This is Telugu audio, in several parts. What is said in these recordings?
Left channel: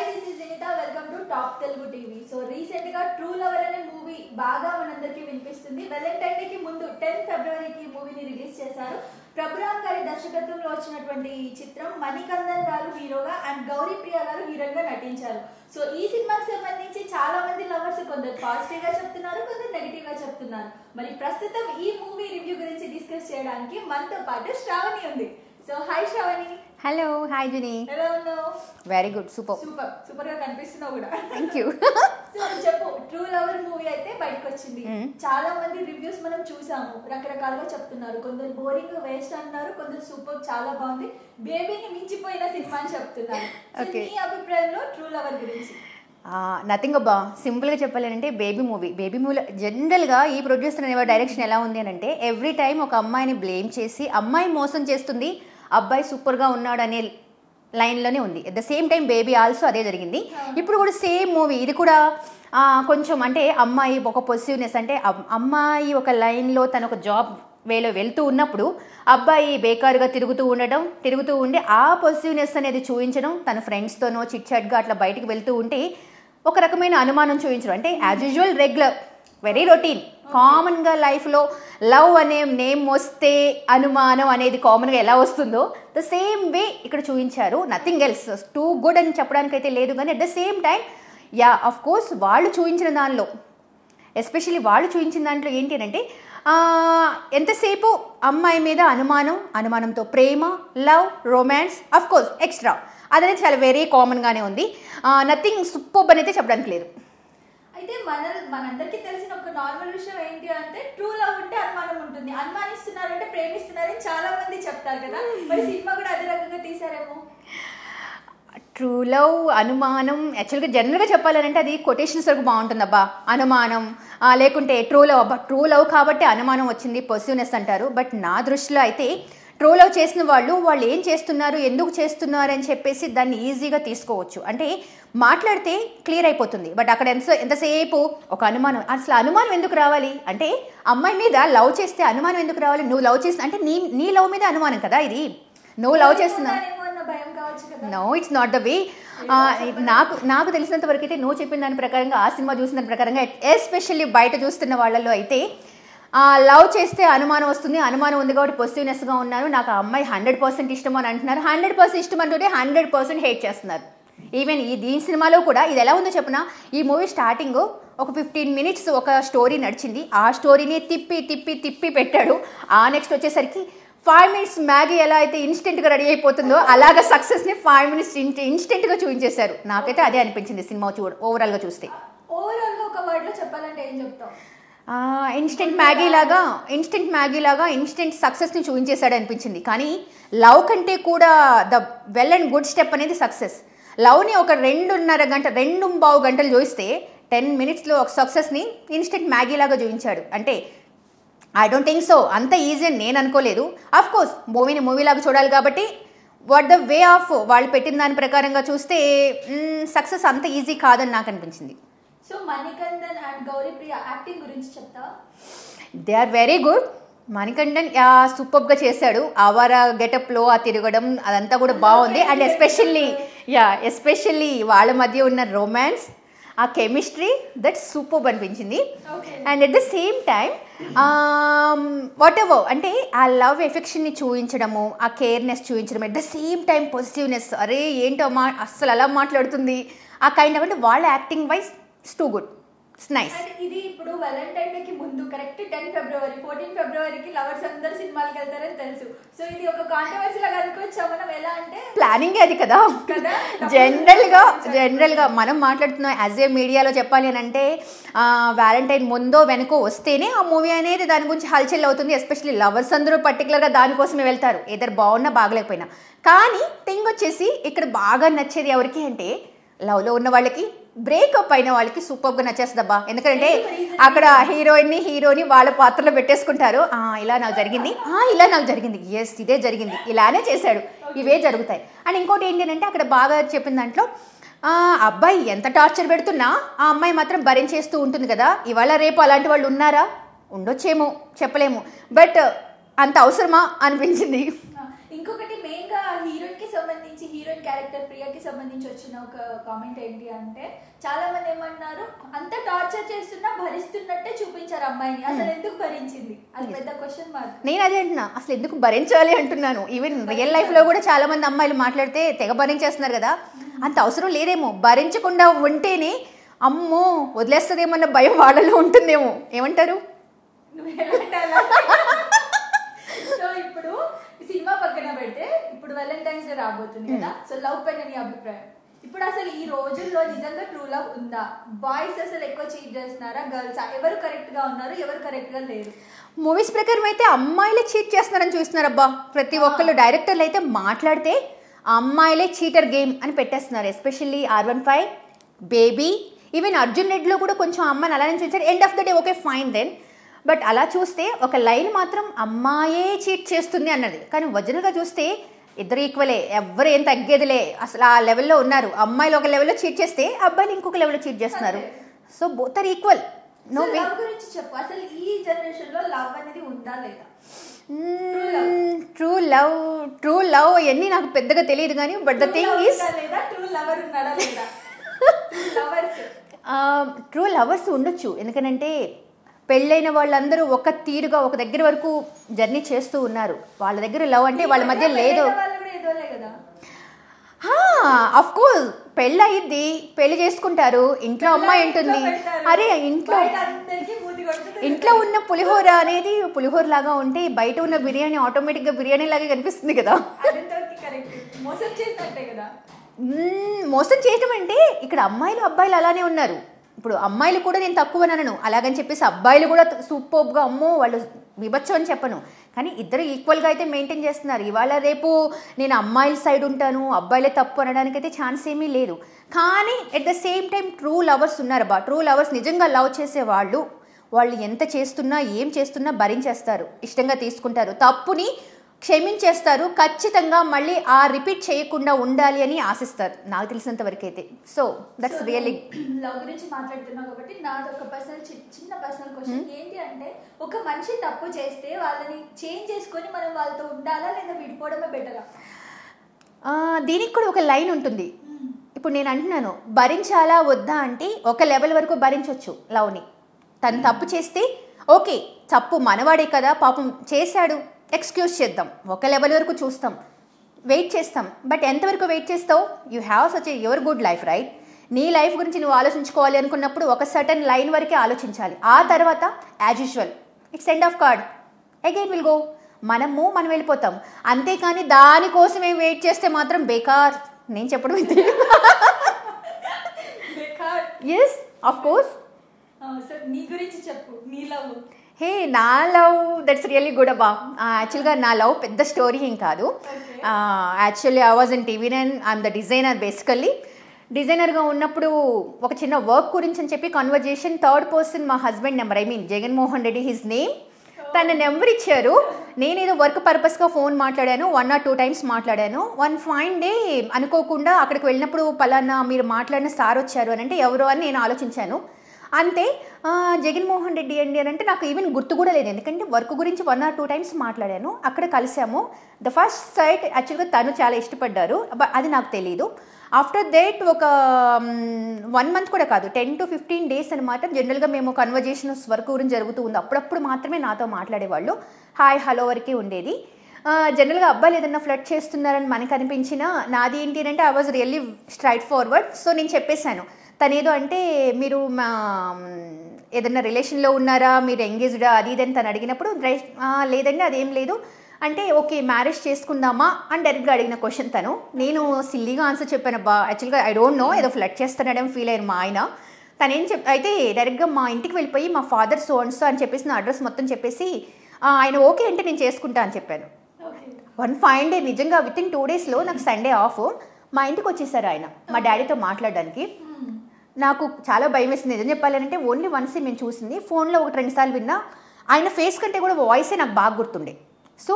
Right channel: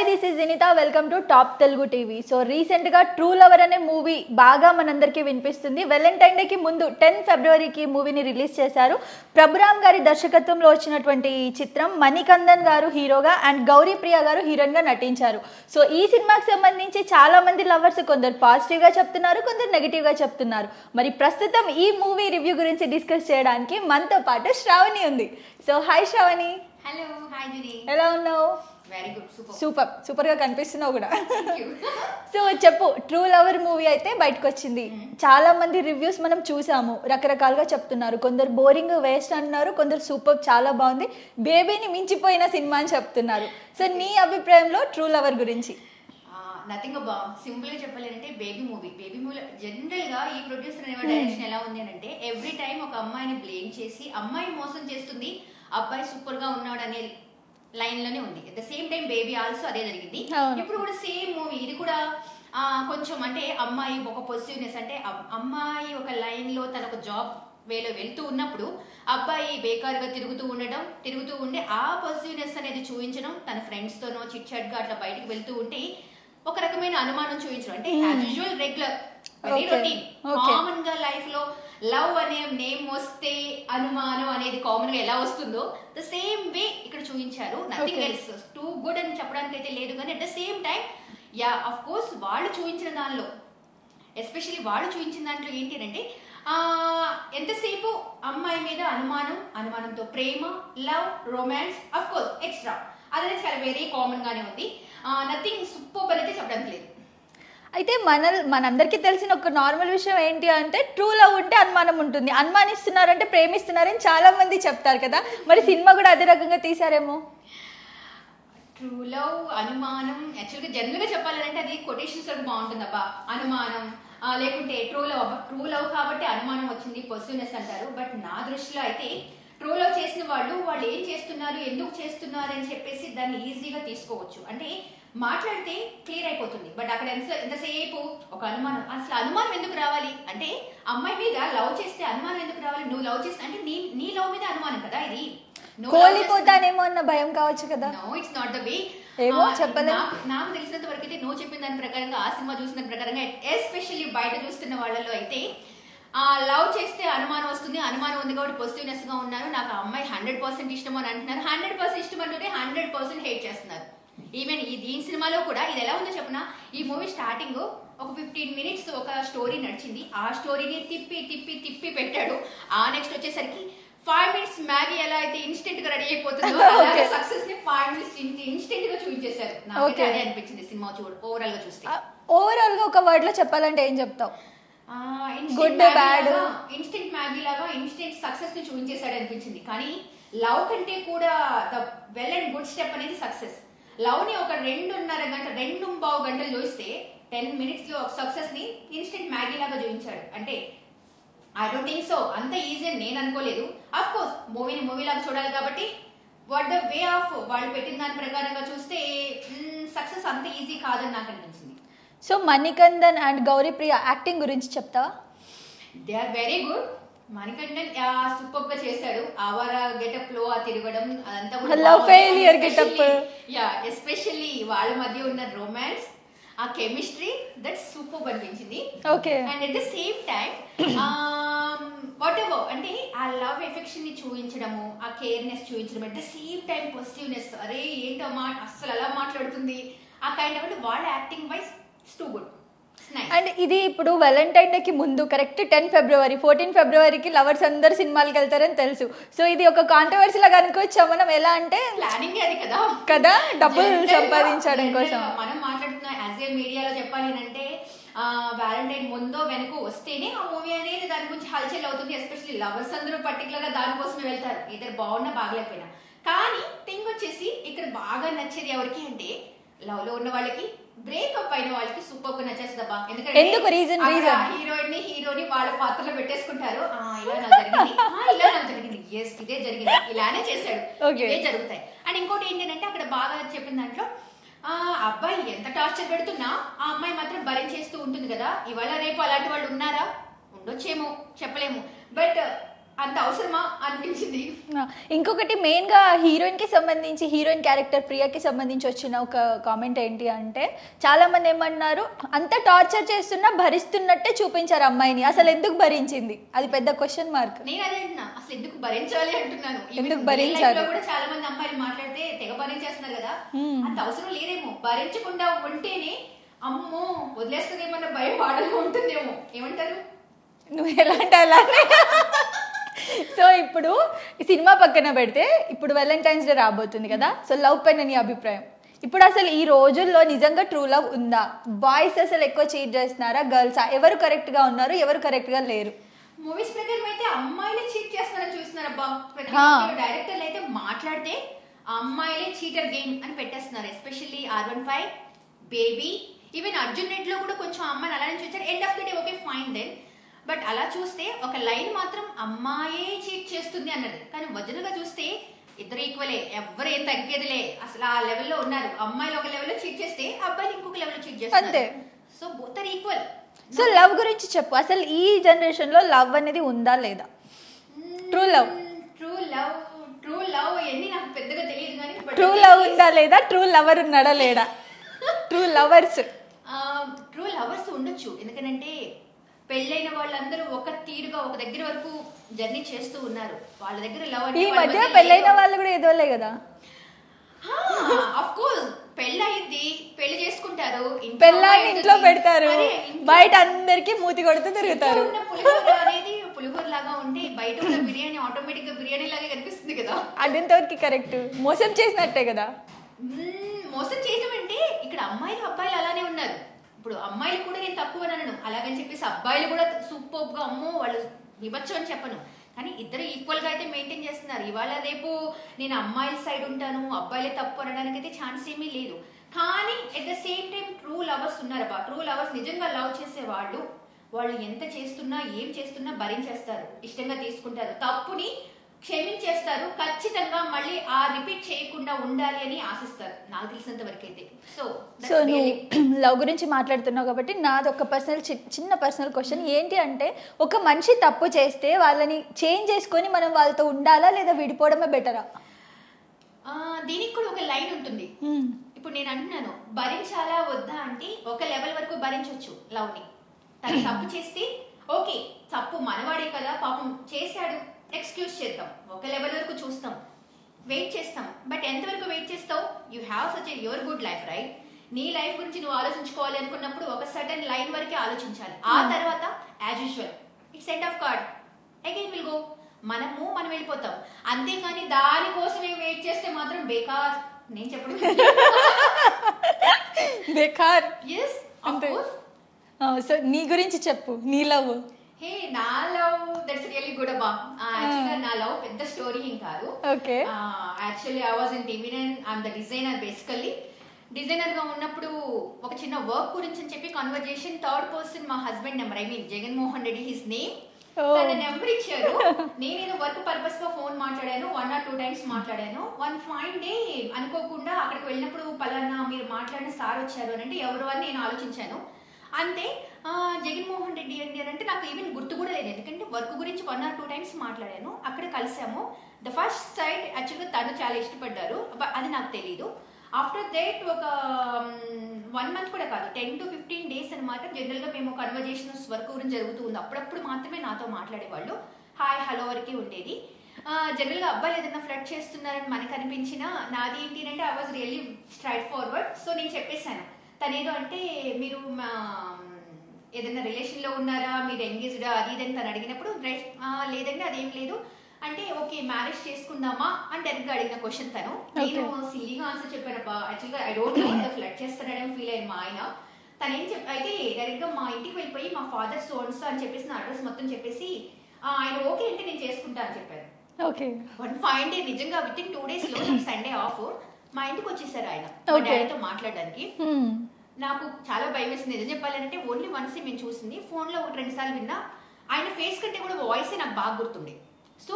Hi this is Jinitha welcome to top Telugu TV. So రీసెంట్గా ట్రూ లవర్ అనే మూవీ బాగా మనందరికీ వినిపిస్తుంది. వ్యాలంటైన్ డేకి ముందు 10 ఫిబ్రవరికి మూవీని రిలీజ్ చేశారు. ప్రభురామ్ గారి దర్శకత్వంలో వచ్చినటువంటి ఈ చిత్రం మణికందన్ గారు హీరోగా అండ్ గౌరీ ప్రియ గారు హీరోయిన్గా నటించారు. సో ఈ సినిమాకి సంబంధించి చాలా మంది లవర్స్ కొందరు పాజిటివ్గా చెప్తున్నారు, కొందరు నెగిటివ్గా చెప్తున్నారు. మరి ప్రస్తుతం ఈ మూవీ రివ్యూ గురించి డిస్కస్ చేయడానికి మనతో పాటు శ్రావణి ఉంది. So hi Sravani. Hello, hi Juni. ఎలా ఉన్నావు? వెరీ గుడ్, సూపర్ గా కనిపిస్తున్నావు కూడా. Thank you. సో చెప్పు, ట్రూ లవర్ మూవీ అయితే బయటకు వచ్చింది. చాలా మంది రివ్యూస్ మనం చూసాము, రకరకాలుగా చెప్తున్నారు. కొందరు బోరింగ్ వేస్ట్ అన్నారు, కొందరు సూపర్ చాలా బాగుంది, బేబీని మించిపోయిన సినిమా అని చెప్తున్నారు. సో నీ అభిప్రాయంలో ట్రూ లవర్ గురించి? నథింగ్ అబ్బా, సింపుల్గా చెప్పాలంటే బేబీ మూవీలో జనరల్గా ఈ ప్రొడ్యూసర్ అనే డైరెక్షన్ ఎలా ఉంది అని అంటే ఎవ్రీ టైం ఒక అమ్మాయిని బ్లేమ్ చేసి అమ్మాయి మోసం చేస్తుంది, అబ్బాయి సూపర్గా ఉన్నాడు అనే లైన్లోనే ఉంది. At the same time baby also అదే జరిగింది. ఇప్పుడు కూడా సేమ్ మూవీ, ఇది కూడా కొంచెం అంటే అమ్మాయి ఒక పొజిటివ్నెస్, అంటే అమ్మాయి ఒక లైన్లో తన ఒక జాబ్ వేలో వెళ్తూ ఉన్నప్పుడు అబ్బాయి బేకారుగా తిరుగుతూ ఉండి ఆ పాజిటివ్నెస్ అనేది చూపించడం, తన ఫ్రెండ్స్తోనో చిట్ చాట్గా అట్లా బయటకు వెళ్తూ ఉంటే ఒక రకమైన అనుమానం చూపించడం. అంటే as usual regular very routine కామన్గా లైఫ్లో లవ్ అనే నేమ్ వస్తే అనుమానం అనేది కామన్గా ఎలా వస్తుందో ద సేమ్ వే ఇక్కడ చూపించారు. నథింగ్ ఎల్స్ టూ గుడ్ అని చెప్పడానికి అయితే లేదు, కానీ at the same time yeah of course వాళ్ళు చూపించిన దాంట్లో ఏంటి అంటే ఎంతసేపు అమ్మాయి మీద అనుమానంతో ప్రేమ, love, romance, of course extra అదనేది చాలా వెరీ కామన్గానే ఉంది. నథింగ్ సూపర్ అని అయితే చెప్పడానికి లేదు. అయితే మనందరికీ తెలిసిన ఒక నార్మల్ విషయం ఏంటి అంటే ట్రూ లవ్ ఉంటే అనుమానం ఉంటుంది, అనుమానిస్తున్నారంటే ప్రేమిస్తున్నారని చాలా మంది చెప్తారు కదా. మరి సినిమా కూడా అదే రకంగా తీసారేమో. ట్రూ లవ్, అనుమానం యాక్చువల్గా జనరల్గా చెప్పాలంటే అది కొటేషన్స్ వరకు బాగుంటుంది అబ్బా. అనుమానం లేకుంటే ట్రూ లవ్ కాబట్టి అనుమానం వచ్చింది, పొసిటివ్నెస్ అంటారు. బట్ నా దృష్టిలో అయితే ట్రూ లవ్ చేసిన వాళ్ళు ఏం చేస్తున్నారు, ఎందుకు చేస్తున్నారు అని చెప్పేసి దాన్ని ఈజీగా తీసుకోవచ్చు. అంటే మాట్లాడితే క్లియర్ అయిపోతుంది. బట్ అక్కడ ఎంతసేపు ఒక అనుమానం, అసలు అనుమానం ఎందుకు రావాలి అంటే అమ్మాయి మీద లవ్ చేస్తే అనుమానం ఎందుకు రావాలి? నువ్వు లవ్ చేస్తే అంటే నీ లవ్ మీద అనుమానం కదా, ఇది నువ్వు లవ్ చేస్తున్నానేమో అన్న భయం కావచ్చు కదా. No, it's not the way. నాకు తెలిసినంత వరకు అయితే నువ్వు చెప్పిన దాని ప్రకారంగా, ఆ సినిమా చూసిన దాని ప్రకారంగా, ఎస్పెషల్లీ బయట చూస్తున్న వాళ్ళలో అయితే లవ్ చేస్తే అనుమానం వస్తుంది, అనుమానం ఉంది కాబట్టి పాజిటివ్నెస్గా ఉన్నాను, నాకు ఆ అమ్మాయి 100% ఇష్టం అని అంటున్నారు. 100% ఇష్టం అంటుంటే 100% హేట్ చేస్తున్నారు. ఈవెన్ దీని సినిమాలో కూడా ఇది ఎలా ఉందో చెప్పిన, ఈ మూవీ స్టార్టింగ్ ఒక 15 మినిట్స్ ఒక స్టోరీ నడిచింది, ఆ స్టోరీని తిప్పి పెట్టాడు. ఆ నెక్స్ట్ వచ్చేసరికి 5 మినిట్స్ మ్యాగీ ఎలా అయితే ఇన్స్టెంట్గా రెడీ అయిపోతుందో అలాగే సక్సెస్ని 5 మినిట్స్ ఇన్స్టెంట్గా చూపించేశారు. నాకైతే అదే అనిపించింది సినిమా ఓవరాల్గా చూస్తే. ఓవరాల్గా ఒక వర్డ్లో చెప్పాలంటే ఏం చెప్తావు? ఇన్స్టెంట్ మ్యాగీ లాగా ఇన్స్టెంట్ సక్సెస్ని చూపించేశాడు అనిపించింది. కానీ లవ్ కంటే కూడా the well and good step అనేది సక్సెస్. లవ్ని ఒక 2.5 గంటలు చూపిస్తే 10 మినిట్స్లో ఒక సక్సెస్ని ఇన్స్టెంట్ మ్యాగీ లాగా చూపించాడు. అంటే ఐ డోంట్ థింక్ సో అంత ఈజీ అని నేను అనుకోలేదు. అఫ్ కోర్స్ మూవీ లాగా చూడాలి కాబట్టి వాట్ ద వే ఆఫ్ వాళ్ళు పెట్టిన దాని ప్రకారంగా చూస్తే సక్సెస్ అంత ఈజీ కాదని నాకు అనిపించింది. So Manikandan and Gauri Priya acting గురించి చెప్తావా? They are very good. Manikandan సూపర్గా చేశాడు. ఆవారా గెటప్లో ఆ తిరగడం అదంతా కూడా బాగుంది. అండ్ ఎస్పెషల్లీ వాళ్ళ మధ్య ఉన్న రొమాన్స్, ఆ కెమిస్ట్రీ దట్ సూపర్ అనిపించింది. And at the same time what ever అంటే ఆ లవ్ ఎఫెక్షన్ని చూపించడము, ఆ కేర్నెస్ చూపించడం, at the same time positiveness, అరే ఏంటో అస్సలు అలా మాట్లాడుతుంది, ఆ కైండ్ ఆఫ్ అంటే వాళ్ళ acting wise it's too good. And ఇది ఇప్పుడు వ్యాలంటైన్ డేకి ముందు కరెక్ట్ 10 ఫిబ్రవరి 14 ఫిబ్రవరికి లవర్స్ అందరు సినిమాలకు వెళ్తారని తెలుసు. సో ఇది ఒక కాంట్రవర్సీ లాగా అనుకోవచ్చా మనం? ఎలా అంటే ప్లానింగ్ అది కదా. జనరల్గా మనం మాట్లాడుతున్నాం యాజ్ ఏ మీడియాలో చెప్పాలి అని అంటే వ్యాలంటైన్ ముందో వెనుకో వస్తేనే ఆ మూవీ అనేది దాని గురించి హల్చల్ అవుతుంది. ఎస్పెషల్లీ లవర్స్ అందరూ పర్టికులర్గా దానికోసమే వెళ్తారు, ఏదైనా బాగున్నా బాగలేకపోయినా. కానీ థింగ్ వచ్చేసి ఇక్కడ బాగా నచ్చేది ఎవరికి అంటే లవ్లో ఉన్న వాళ్ళకి, బ్రేకప్ అయిన వాళ్ళకి సూపర్గా నచ్చేస్తుందబ్బా. ఎందుకంటే అక్కడ హీరోని వాళ్ళ పాత్రలో పెట్టేసుకుంటారు. ఇలా నాకు జరిగింది, ఎస్ ఇదే జరిగింది, ఇలానే చేశాడు, ఇవే జరుగుతాయి. అండ్ ఇంకోటి ఏంటి అంటే అక్కడ బాగా చెప్పిన దాంట్లో అబ్బాయి ఎంత టార్చర్ పెడుతున్నా ఆ అమ్మాయి మాత్రం భరించేస్తూ ఉంటుంది కదా. ఇవాళ రేపు అలాంటి వాళ్ళు ఉన్నారా? ఉండొచ్చేమో, చెప్పలేము. బట్ అంత అవసరమా అనిపించింది. ఇంకొకటి మెయిన్గా హీరోయిన్కి సంబంధించి హీరోయిన్ క్యారెక్టర్ ప్రియాకి సంబంధించి వచ్చిన ఒక కామెంట్ ఏంటి అంటే చాలా మంది ఏమన్నారు, అంత టార్చర్ చేస్తున్నా భరిస్తున్నట్టే చూపించారు అమ్మాయిని, అసలు ఎందుకు భరించింది, అది పెద్ద క్వశ్చన్ మార్క్. నేను అదే అంటున్నా, అసలు ఎందుకు భరించాలి అంటున్నాను. ఈవెన్ రియల్ లైఫ్ లో కూడా చాలా మంది అమ్మాయిలు మాట్లాడితే తెగ భరించేస్తున్నారు కదా, అంత అవసరం లేదేమో. భరించకుండా ఉంటేనే అమ్మో వదిలేస్తుందేమన్న భయం వాళ్ళలో ఉంటుందేమో. ఏమంటారు? నువ్వు ఎలా అంటే అలా. సో ఇప్పుడు ఈ సినిమా పక్కన పెడితే ఇప్పుడు వ్యాలంటైన్స్ డే రాబోతుంది కదా, సో లవ్ పైన నీ అభిప్రాయం? ఇప్పుడు అసలు ఈ రోజుల్లో నిజంగా ట్రూ లవ్ ఉందా? బాయ్స్ అసలు ఎక్కువ చీట్ చేస్తున్నారా, గర్ల్స్? ఎవరు కరెక్ట్ గా ఉన్నారు, ఎవరు కరెక్ట్ గా లేరు? మూవీస్ ప్రకారం అయితే అమ్మాయిలే చీట్ చేస్తున్నారని చూస్తున్నారు అబ్బా. ప్రతి ఒక్కళ్ళు డైరెక్టర్లు అయితే మాట్లాడితే అమ్మాయిలే చీటర్ గేమ్ అని పెట్టేస్తున్నారు. Especially R15, Baby, even Arjun రెడ్డిలో కూడా కొంచెం అమ్మాయిని అలానే చూసారు. End of the day okay fine then, but అలా చూస్తే ఒక లైన్ మాత్రం అమ్మాయే చీట్ చేస్తుంది అన్నది. కానీ ఒరిజినల్గా చూస్తే ఇద్దరు ఈక్వలే, ఎవరు ఏం తగ్గేదిలే. అసలు ఆ లెవెల్లో ఉన్నారు. అమ్మాయిలు ఒక లెవెల్లో చీట్ చేస్తే అబ్బాయిలు ఇంకొక లెవెల్లో చీట్ చేస్తున్నారు. So both are equal. So love గురించి చెప్పు, అసలు ఈ జనరేషన్ లో లవ్ అనేది ఉందా లేదా? ట్రూ లవ్ ఇవన్నీ నాకు పెద్దగా తెలియదు కానీ బట్ లేదా ట్రూ లవర్ ఉన్నాడా లేడా? ట్రూ లవర్స్ ఉండొచ్చు. ఎందుకంటే పెళ్ళైన వాళ్ళందరూ ఒక తీరుగా ఒక దగ్గర వరకు జర్నీ చేస్తూ ఉన్నారు. వాళ్ళ దగ్గర లవ్ అంటే వాళ్ళ మధ్య లేదు. వాళ్ళు కూడా ఏదోలే కదా. అఫ్ కోర్స్ పెళ్ళి అయ్యిద్ది, పెళ్లి చేసుకుంటారు, ఇంట్లో అమ్మాయి ఉంటుంది. అరే బయట అందరికి మూతి కొడుతుంది. ఇంట్లో ఉన్న పులిహోర అనేది పులిహోర లాగా ఉంటే బయట ఉన్న బిర్యానీ ఆటోమేటిక్ గా బిర్యానీ లాగే కనిపిస్తుంది కదా. అదంతవరకు కరెక్ట్. మోసం చేసినట్టే కదా. మోసం చేయటం అంటే ఇక్కడ అమ్మాయిలు అబ్బాయిలు అలానే ఉన్నారు. ఇప్పుడు అమ్మాయిలు కూడా నేను తక్కువ అనను, అలాగని చెప్పేసి అబ్బాయిలు కూడా సూపర్గా అమ్మో వాళ్ళు విభత్సం అని చెప్పను. కానీ ఇద్దరు ఈక్వల్గా అయితే మెయింటైన్ చేస్తున్నారు. ఇవాళ రేపు నేను అమ్మాయిల సైడ్ ఉంటాను, అబ్బాయిలే తప్పు అనడానికి అయితే ఛాన్స్ ఏమీ లేదు. కానీ at the same time true lovers ఉన్నారు బా. ట్రూ లవర్స్ నిజంగా లవ్ చేసే వాళ్ళు ఎంత చేస్తున్నా ఏం చేస్తున్నా భరించేస్తారు, ఇష్టంగా తీసుకుంటారు, తప్పుని క్షమించేస్తారు, ఖచ్చితంగా మళ్ళీ ఆ రిపీట్ చేయకుండా ఉండాలి అని ఆశిస్తారు నాకు తెలిసినంత వరకు అయితే. So that's really. లవ్ గురించి మాట్లాడుతున్నావు కాబట్టి నాది ఒక చిన్న పర్సనల్ క్వశ్చన్ ఏంటి అంటే, ఒక మనిషి తప్పు చేస్తే వాళ్ళని చేంజ్ చేసుకొని మనం వాళ్ళతో ఉండాలా లేదా విడిపోవడమే బెటరా? దీనికి కూడా ఒక లైన్ ఉంటుంది. ఇప్పుడు నేను అంటున్నాను భరించాలా వద్దా అంటే ఒక లెవెల్ వరకు భరించవచ్చు లవ్ని. తను తప్పు చేస్తే ఓకే, తప్పు మనవాడే కదా పాపం చేశాడు, ఎక్స్క్యూజ్ చేద్దాం, ఒక లెవెల్ వరకు చూస్తాం, వెయిట్ చేస్తాం. బట్ ఎంతవరకు వెయిట్ చేస్తావు? You have such your good life right. నీ లైఫ్ గురించి నువ్వు ఆలోచించుకోవాలి అనుకున్నప్పుడు ఒక సర్టన్ లైన్ వరకే ఆలోచించాలి. ఆ తర్వాత as usual it's end of card, again will go. మనం వెళ్ళిపోతాం. అంతేకాని దానికోసమే వెయిట్ చేస్తే మాత్రం బేకార్. నేను చెప్పడం బేకార్. Yes of course. సో నీ గురించి చెప్పు, నీ లవ్. హే నా లవ్ దట్స్ రియల్లీ గుడ్ అబ్బా. యాక్చువల్గా నా లవ్ పెద్ద స్టోరీ ఏం కాదు. Actually I was in TV9. I'm the designer. Basically డిజైనర్గా ఉన్నప్పుడు ఒక చిన్న వర్క్ గురించి అని చెప్పి కన్వర్జేషన్, థర్డ్ పర్సన్ మా husband number, Jaganmohan Reddy his name, తన నెంబర్ ఇచ్చారు. నేనేదో వర్క్ పర్పస్గా ఫోన్ మాట్లాడాను, 1 or 2 times మాట్లాడాను. వన్ ఫైన్ డే అనుకోకుండా అక్కడికి వెళ్ళినప్పుడు పలానా మీరు మాట్లాడిన సార్ వచ్చారు అని అంటే ఎవరో అని నేను ఆలోచించాను. అంతే. జగన్మోహన్ రెడ్డి అండి అని అంటే నాకు ఈవెన్ గుర్తు కూడా లేదు, ఎందుకంటే వర్క్ గురించి 1 or 2 times మాట్లాడాను. అక్కడ కలిసాము. ద ఫస్ట్ సైట్ యాక్చువల్గా తను చాలా ఇష్టపడ్డారు, అది నాకు తెలీదు. ఆఫ్టర్ దట్ ఒక 1 month కూడా కాదు, 10 to 15 days అనమాట. జనరల్గా మేము కన్వర్జేషన్స్ వర్క్ గురించి జరుగుతూ ఉంది, అప్పుడప్పుడు మాత్రమే నాతో మాట్లాడేవాళ్ళు. హాయ్ హలో వరకే ఉండేది. జనరల్గా అబ్బాయిలు ఏదన్నా ఫ్లర్ట్ చేస్తున్నారని మనకు అనిపించినా నాది ఏంటి అంటే I was really straight forward. So నేను చెప్పేశాను. తనేదో అంటే మీరు మా ఏదన్నా రిలేషన్లో ఉన్నారా, మీరు ఎంగేజ్డా, అది ఇది అని తను అడిగినప్పుడు లేదండి అదేం లేదు అంటే ఓకే మ్యారేజ్ చేసుకుందామా అని డైరెక్ట్గా అడిగిన క్వశ్చన్ తను. నేను సిల్లీగా ఆన్సర్ చెప్పాను అబ్బా. యాక్చువల్గా ఐ డోంట్ నో, ఏదో ఫ్లడ్ చేస్తానని ఫీల్ అయ్యారు మా ఆయన. తనేం అయితే డైరెక్ట్గా మా ఇంటికి వెళ్ళిపోయి మా ఫాదర్ సో అండ్ సో అని చెప్పేసి నా అడ్రస్ మొత్తం చెప్పేసి ఆయన ఓకే అంటే నేను చేసుకుంటా అని చెప్పాను. ఓకే. వన్ ఫైన్ డే నిజంగా విత్ ఇన్ 2 daysలో నాకు సండే ఆఫ్, మా ఇంటికి వచ్చేసారు ఆయన మా డాడీతో మాట్లాడడానికి. నాకు చాలా భయం వేసింది నిజం చెప్పాలంటే. ఓన్లీ వన్స్ మేము చూసింది, ఫోన్లో 1-2 సార్లు విన్నా. ఆయన ఫేస్ కంటే కూడా వాయిసే నాకు బాగా గుర్తుండే. సో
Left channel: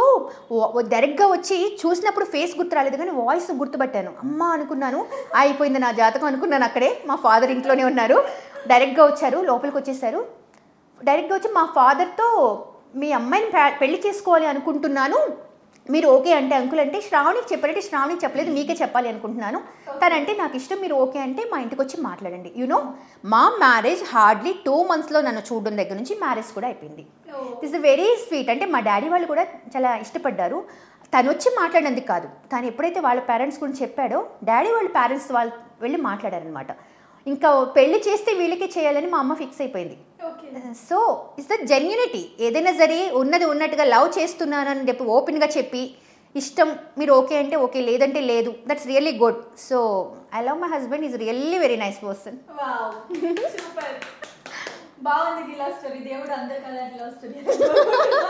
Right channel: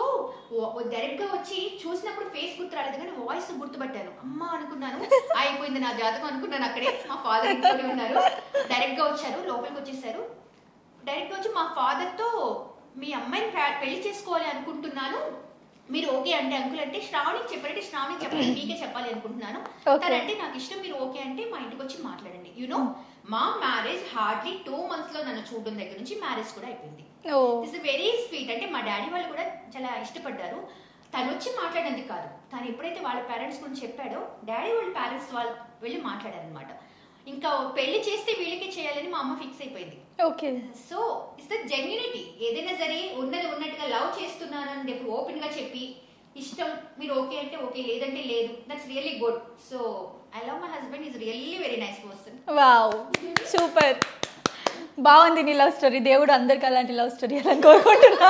డైరెక్ట్గా వచ్చి చూసినప్పుడు ఫేస్ గుర్తు రాలేదు కానీ వాయిస్ గుర్తుపట్టాను. అమ్మ అనుకున్నాను, అయిపోయింది నా జాతకం అనుకున్నాను. అక్కడే మా ఫాదర్ ఇంట్లోనే ఉన్నారు. డైరెక్ట్గా వచ్చారు, లోపలికి వచ్చేసారు. డైరెక్ట్గా వచ్చి మా ఫాదర్తో మీ అమ్మాయిని పెళ్లి చేసుకోవాలి అనుకుంటున్నాను, మీరు ఓకే అంటే అంకుల్ అంటే శ్రావణికి చెప్పారంటే శ్రావణికి చెప్పలేదు, మీకే చెప్పాలి అనుకుంటున్నాను. తనంటే నాకు ఇష్టం, మీరు ఓకే అంటే మా ఇంటికి వచ్చి మాట్లాడండి. యూనో మా మ్యారేజ్ హార్డ్లీ 2 monthsలో నన్ను చూడడం దగ్గర నుంచి మ్యారేజ్ కూడా అయిపోయింది. It's very sweet. అంటే మా డాడీ వాళ్ళు కూడా చాలా ఇష్టపడ్డారు. తను వచ్చి మాట్లాడినందుకు కాదు, తను ఎప్పుడైతే వాళ్ళ పేరెంట్స్ గురించి చెప్పాడో డాడీ వాళ్ళ పేరెంట్స్ వాళ్ళు వెళ్ళి మాట్లాడారనమాట. ఇంకా పెళ్లి చేస్తే వీళ్ళకే చేయాలని మా అమ్మ ఫిక్స్ అయిపోయింది. Okay. So it's the genuinity. ఏదైనా సరే ఉన్నది ఉన్నట్టుగా లవ్ చేస్తున్నానని చెప్పి ఓపెన్గా చెప్పి ఇష్టం మీరు ఓకే అంటే ఓకే, లేదంటే లేదు. That's really good. So I love my husband, is really very nice person. Wow, super. బాగుంది నీ లవ్ స్టోరీ. దేవుడు అందరికి అలాంటి లవ్ స్టోరీ అలా కోరుకుంటున్నా.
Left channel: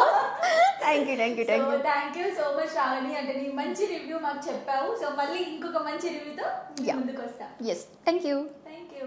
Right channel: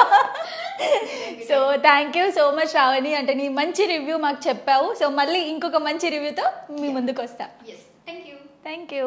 So thank you so much Shravani. అంటే నీ మంచి రివ్యూ మాకు చెప్పావు. సో మళ్ళీ ఇంకొక మంచి రివ్యూతో మీ ముందుకు వస్తా. Yes, thank you. Thank you.